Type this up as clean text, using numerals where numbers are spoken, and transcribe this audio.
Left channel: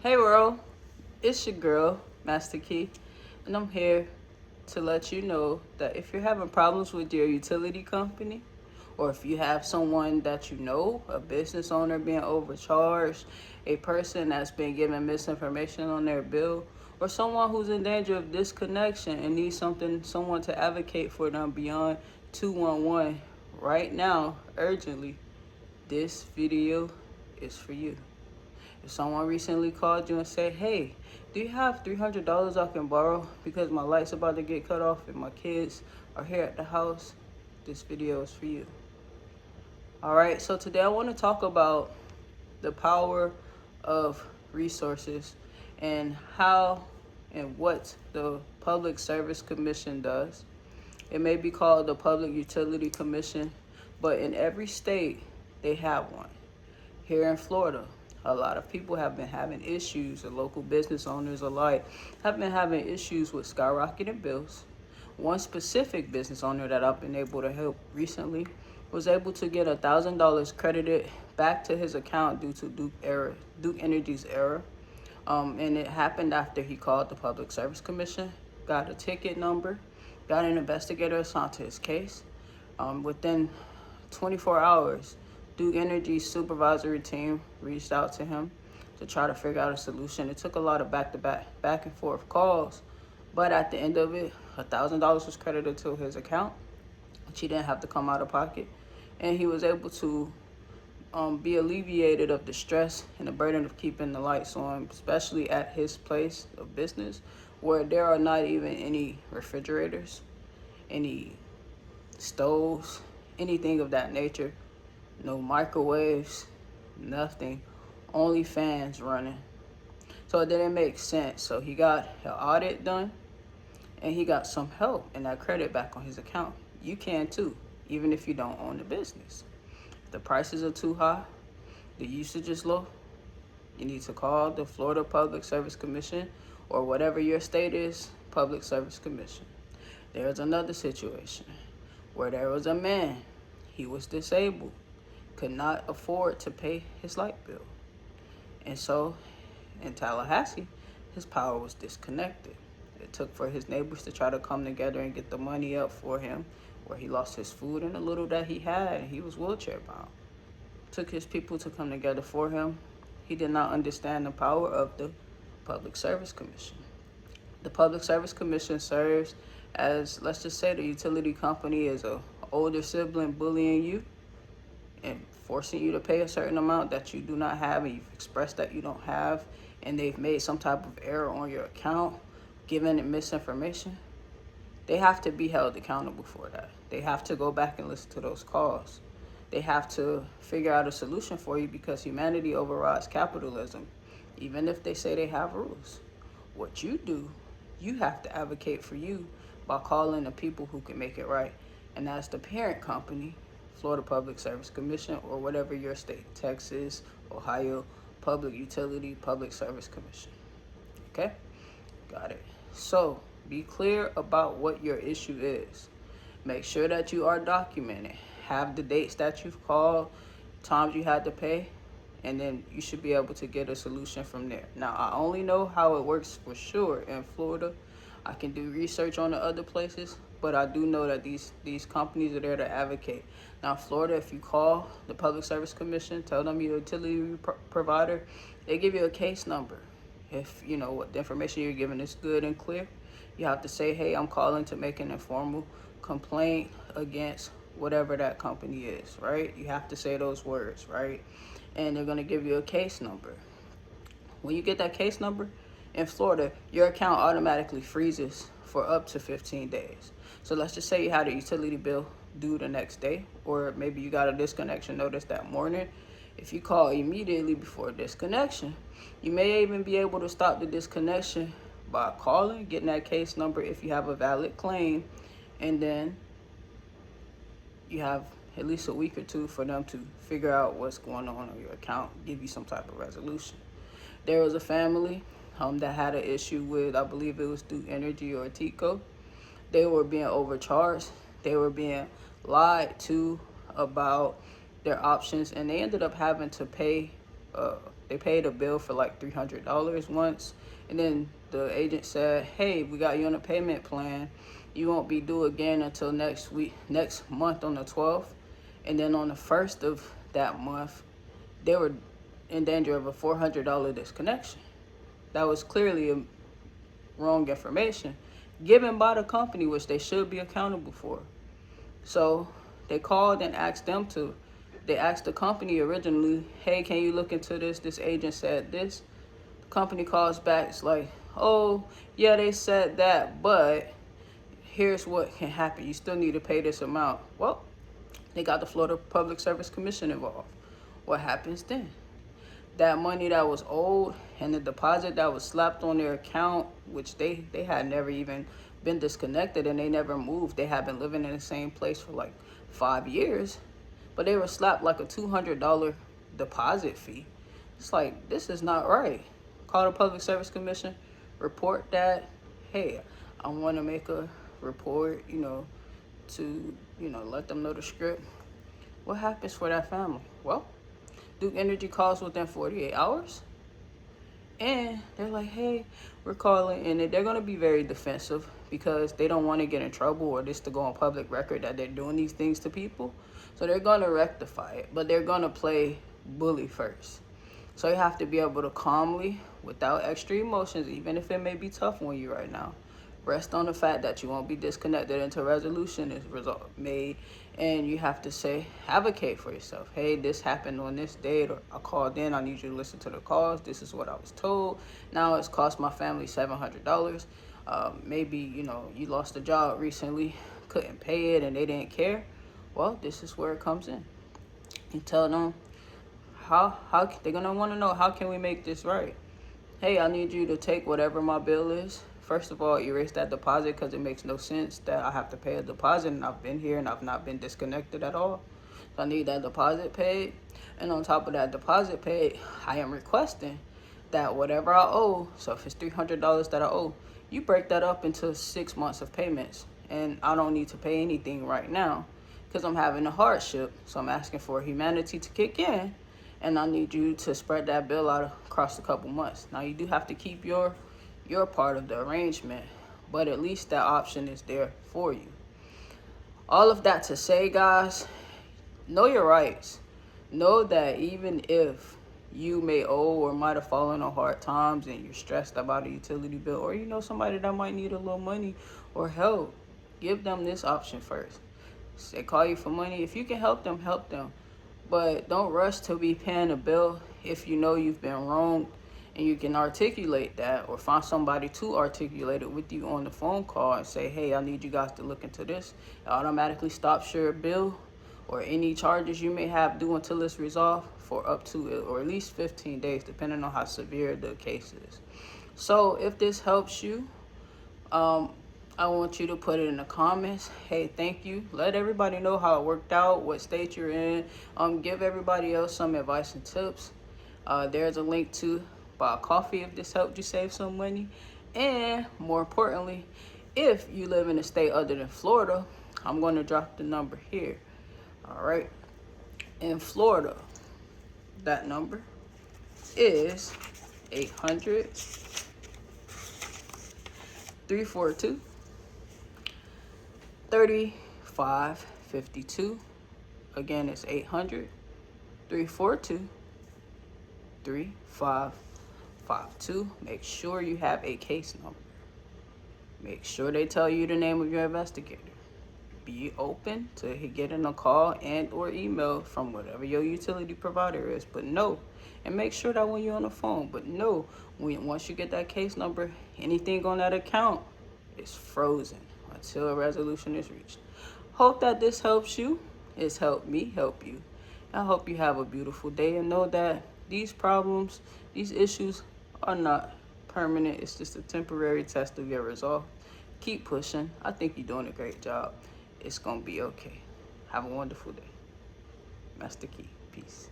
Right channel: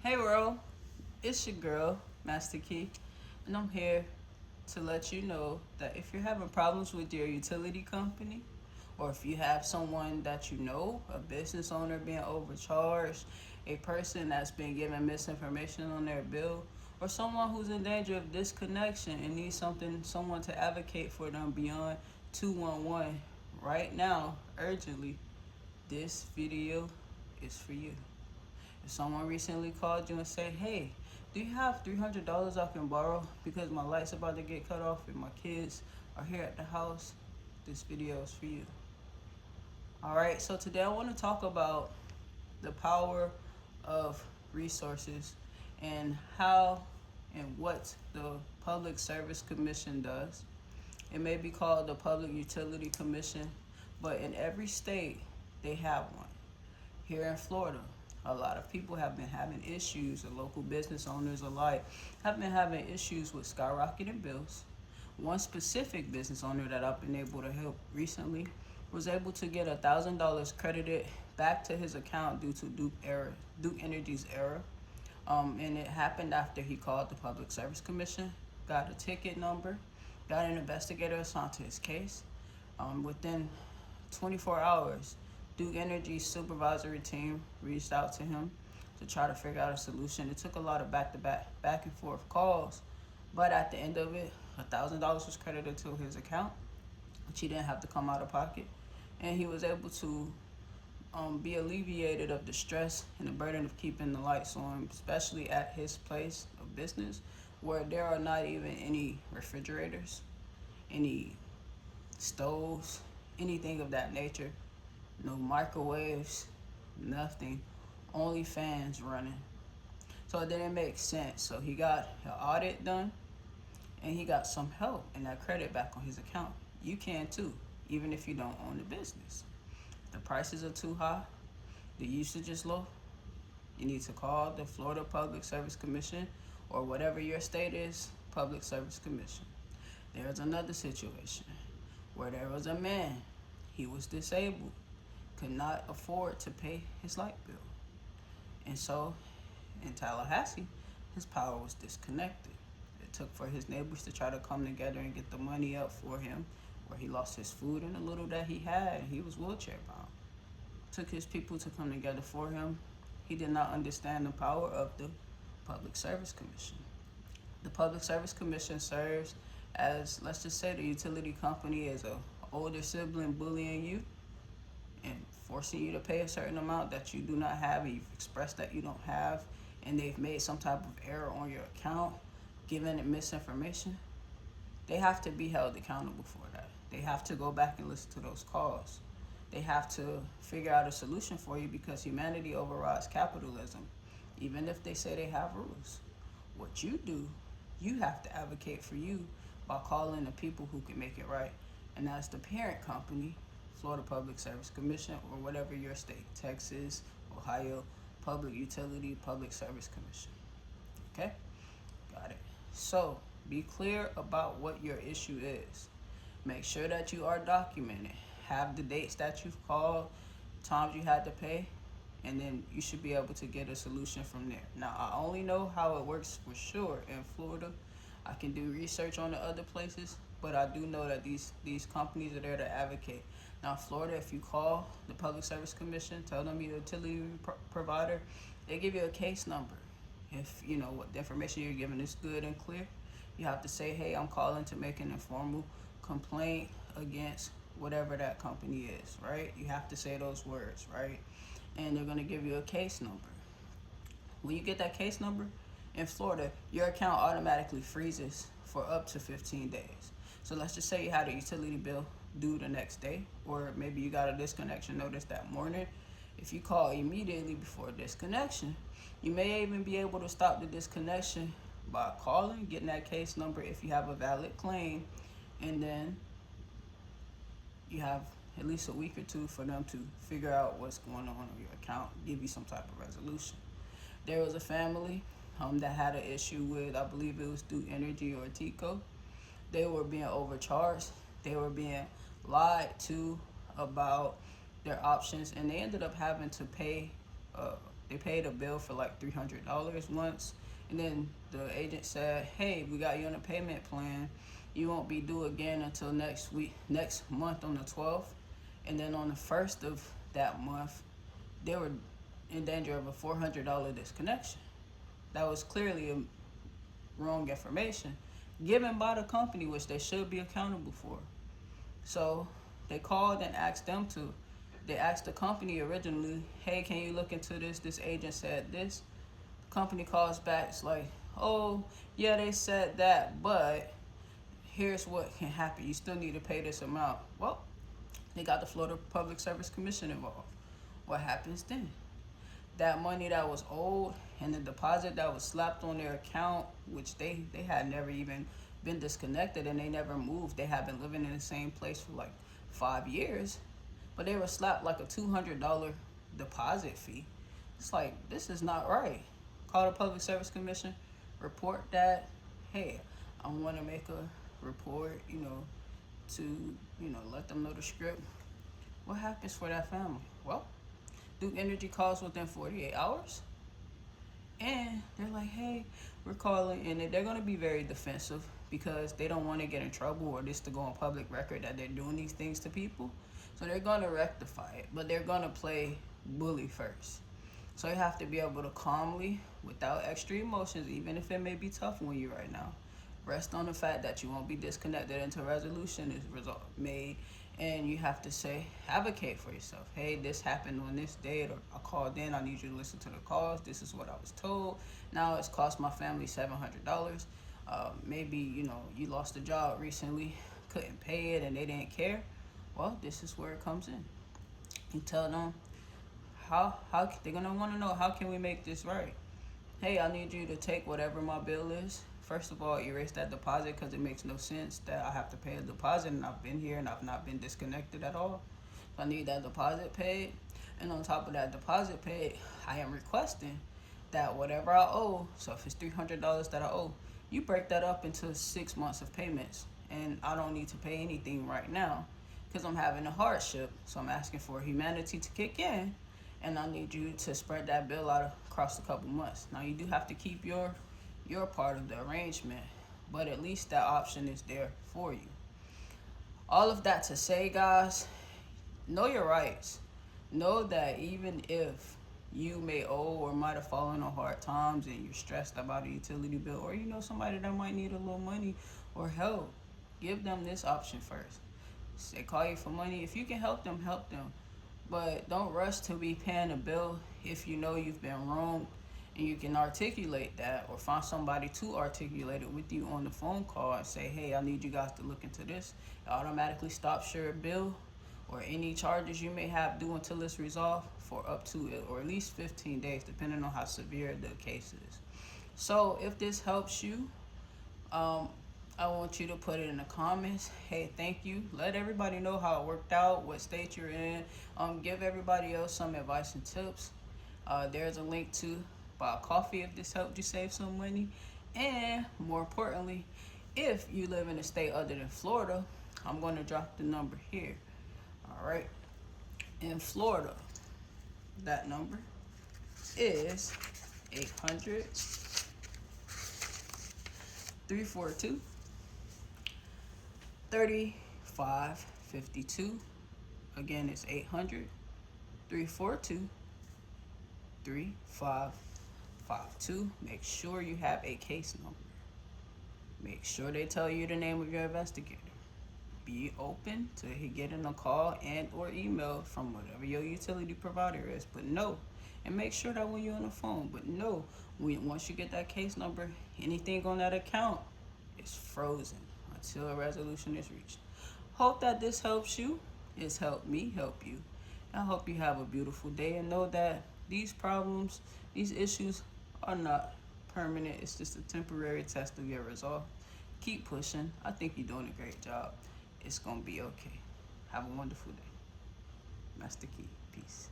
Hey world, it's your girl, Master Kei, and I'm here to let you know that if you're having problems with your utility company, or if you have someone that you know, a business owner being overcharged, a person that's been given misinformation on their bill, or someone who's in danger of disconnection and needs someone to advocate for them beyond 211 right now, urgently, this video is for you. If someone recently called you and said, hey, do you have $300 I can borrow because my light's about to get cut off and my kids are here at the house, this video is for you. All right, so today I want to talk about the power of resources and how and what the Public Service Commission does. It may be called the Public Utility Commission, but in every state they have one. Here in Florida, a lot of people have been having issues, and local business owners alike have been having issues with skyrocketing bills. One specific business owner that I've been able to help recently was able to get $1,000 credited back to his account due to Duke Energy's error. And it happened after he called the Public Service Commission, got a ticket number, got an investigator assigned to his case. Within 24 hours, Duke Energy's supervisory team reached out to him to try to figure out a solution. It took a lot of back and forth calls, but at the end of it, $1,000 was credited to his account, which he didn't have to come out of pocket, and he was able to be alleviated of the stress and the burden of keeping the lights on, especially at his place of business, where there are not even any refrigerators, any stoves, anything of that nature. No microwaves, nothing, only fans running. So it didn't make sense. So he got an audit done and he got some help and that credit back on his account. You can too, even if you don't own the business. If the prices are too high, the usage is low, you need to call the Florida Public Service Commission or whatever your state is, Public Service Commission. There's another situation where there was a man, he was disabled, could not afford to pay his light bill. And so in Tallahassee, his power was disconnected. It took for his neighbors to try to come together and get the money up for him, where he lost his food and the little that he had, and he was wheelchair bound. Took his people to come together for him. He did not understand the power of the Public Service Commission. The Public Service Commission serves as, let's just say the utility company is a older sibling bullying you and forcing you to pay a certain amount that you do not have, and you've expressed that you don't have, and they've made some type of error on your account, given it misinformation. They have to be held accountable for that. They have to go back and listen to those calls. They have to figure out a solution for you, because humanity overrides capitalism, even if they say they have rules. What you do, you have to advocate for you by calling the people who can make it right, and that's the parent company, Florida Public Service Commission, or whatever your state, Texas, Ohio, Public Utility, Public Service Commission. Okay? Got it. So be clear about what your issue is. Make sure that you are documented. Have the dates that you've called, times you had to pay, and then you should be able to get a solution from there. Now, I only know how it works for sure in Florida. I can do research on the other places, but I do know that these companies are there to advocate. Now, Florida, if you call the Public Service Commission, tell them you're a utility provider, they give you a case number. If you know what the information you're giving is good and clear, you have to say, hey, I'm calling to make an informal complaint against whatever that company is, right? You have to say those words, right? And they're gonna give you a case number. When you get that case number, in Florida, your account automatically freezes for up to 15 days. So let's just say you had a utility bill due the next day, or maybe you got a disconnection notice that morning. If you call immediately before disconnection, you may even be able to stop the disconnection by calling, getting that case number if you have a valid claim, and then you have at least a week or two for them to figure out what's going on your account, give you some type of resolution. There was a family that had an issue with, I believe it was Duke Energy or Tico. They were being overcharged. They were being lied to about their options, and they ended up having to pay They paid a bill for like $300 once, and then the agent said, hey, we got you on a payment plan. You won't be due again until next month on the 12th. And then on the 1st of that month, they were in danger of a $400 disconnection. That was clearly wrong information given by the company, which they should be accountable for. So they called and asked they asked the company originally, hey, can you look into this? This agent said this. The company calls back, it's like, oh, yeah, they said that, but here's what can happen. You still need to pay this amount. Well, they got the Florida Public Service Commission involved. What happens then? That money that was owed and the deposit that was slapped on their account, which they had never even been disconnected and they never moved. They had been living in the same place for like 5 years, but they were slapped like a $200 deposit fee. It's like, this is not right. Call the Public Service Commission, report that, hey, I want to make a report, to, let them know the script. What happens for that family? Well, Duke Energy calls within 48 hours. And they're like, hey, we're calling. And they're going to be very defensive because they don't want to get in trouble or this to go on public record that they're doing these things to people. So they're going to rectify it. But they're going to play bully first. So you have to be able to calmly, without extra emotions, even if it may be tough on you right now, rest on the fact that you won't be disconnected until resolution is made. And you have to say, advocate for yourself. Hey, this happened on this date, or I called in, I need you to listen to the calls. This is what I was told. Now it's cost my family $700. Maybe, you lost a job recently, couldn't pay it, and they didn't care. Well, this is where it comes in. You tell them how they're gonna want to know, how can we make this right? Hey, I need you to take whatever my bill is. First of all, erase that deposit because it makes no sense that I have to pay a deposit and I've been here and I've not been disconnected at all. So I need that deposit paid. And on top of that deposit paid, I am requesting that whatever I owe, so if it's $300 that I owe, you break that up into 6 months of payments. And I don't need to pay anything right now because I'm having a hardship. So I'm asking for humanity to kick in, and I need you to spread that bill out across a couple months. Now you do have to keep your part of the arrangement, but at least that option is there for you. All of that to say, guys, know your rights. Know that even if you may owe or might have fallen on hard times and you're stressed about a utility bill, or somebody that might need a little money or help, give them this option first. They call you for money. If you can help them, help them. But don't rush to be paying a bill if you know you've been wronged. And you can articulate that or find somebody to articulate it with you on the phone call and say, hey, I need you guys to look into this. It automatically stops your bill or any charges you may have due until it's resolved for up to or at least 15 days, depending on how severe the case is. So if this helps you, I want you to put it in the comments. Hey, thank you. Let everybody know how it worked out, what state you're in. Give everybody else some advice and tips. There's a link to buy a coffee if this helped you save some money. And more importantly, if you live in a state other than Florida, I'm going to drop the number here. All right. In Florida, that number is 800-342-3552. Again, it's 800-342-3552. Make sure you have a case number. Make sure they tell you the name of your investigator. Be open to getting a call and or email from whatever your utility provider is, but know, and make sure that when you're on the phone, but know, once you get that case number, anything on that account is frozen until a resolution is reached. Hope that this helps you. It's helped me help you. I hope you have a beautiful day and know that these problems, these issues are not permanent. It's just a temporary test of your resolve. Keep pushing. I think you're doing a great job. It's gonna be okay. Have a wonderful day. Master Kei. Peace.